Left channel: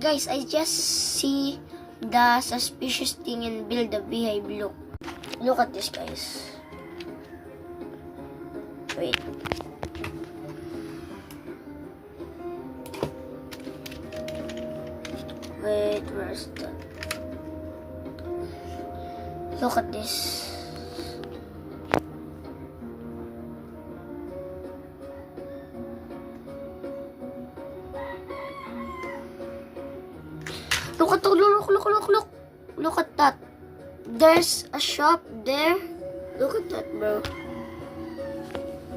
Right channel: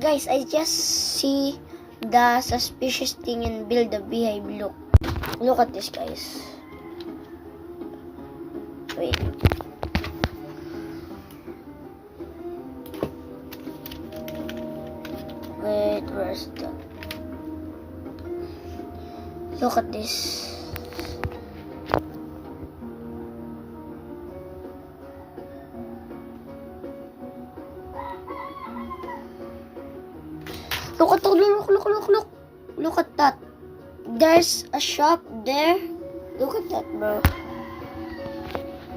Guys, I just see the suspicious thing and build a beehive. Look at this, guys. Wait. Wait, where's that? Look at this. Look at look. Look at that. There's a shop there. Look at that, bro.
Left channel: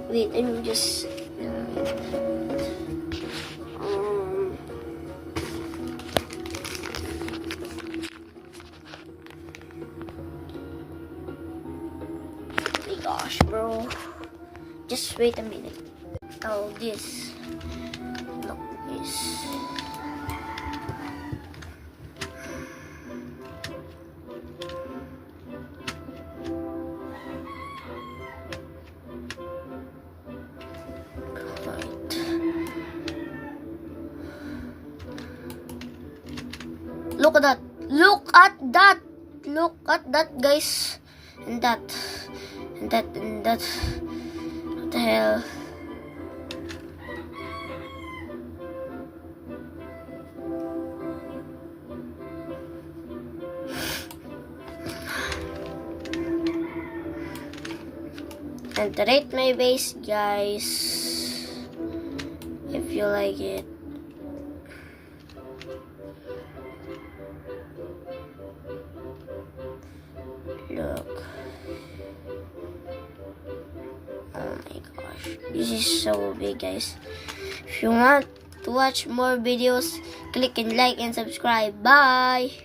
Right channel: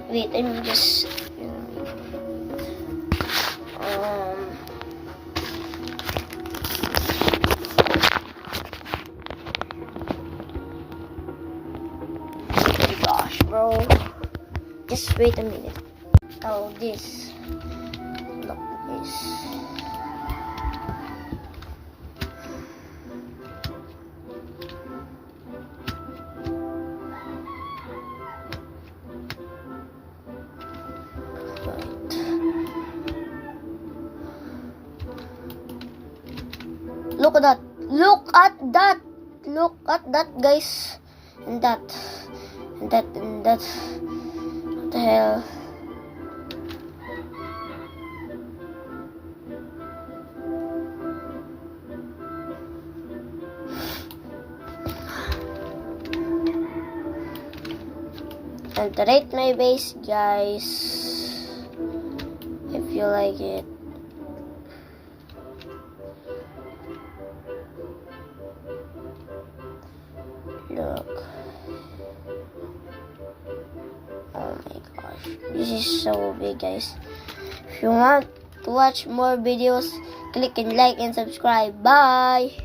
Wait, I'm just oh gosh, bro. Just wait a minute. Oh, this. Look at this. Look at that. Look at that. Look at that, guys. And that. What the hell? And to rate my base, guys, if you like it. Look. Oh my gosh. This is so big, guys. If you want to watch more videos, click and like and subscribe. Bye!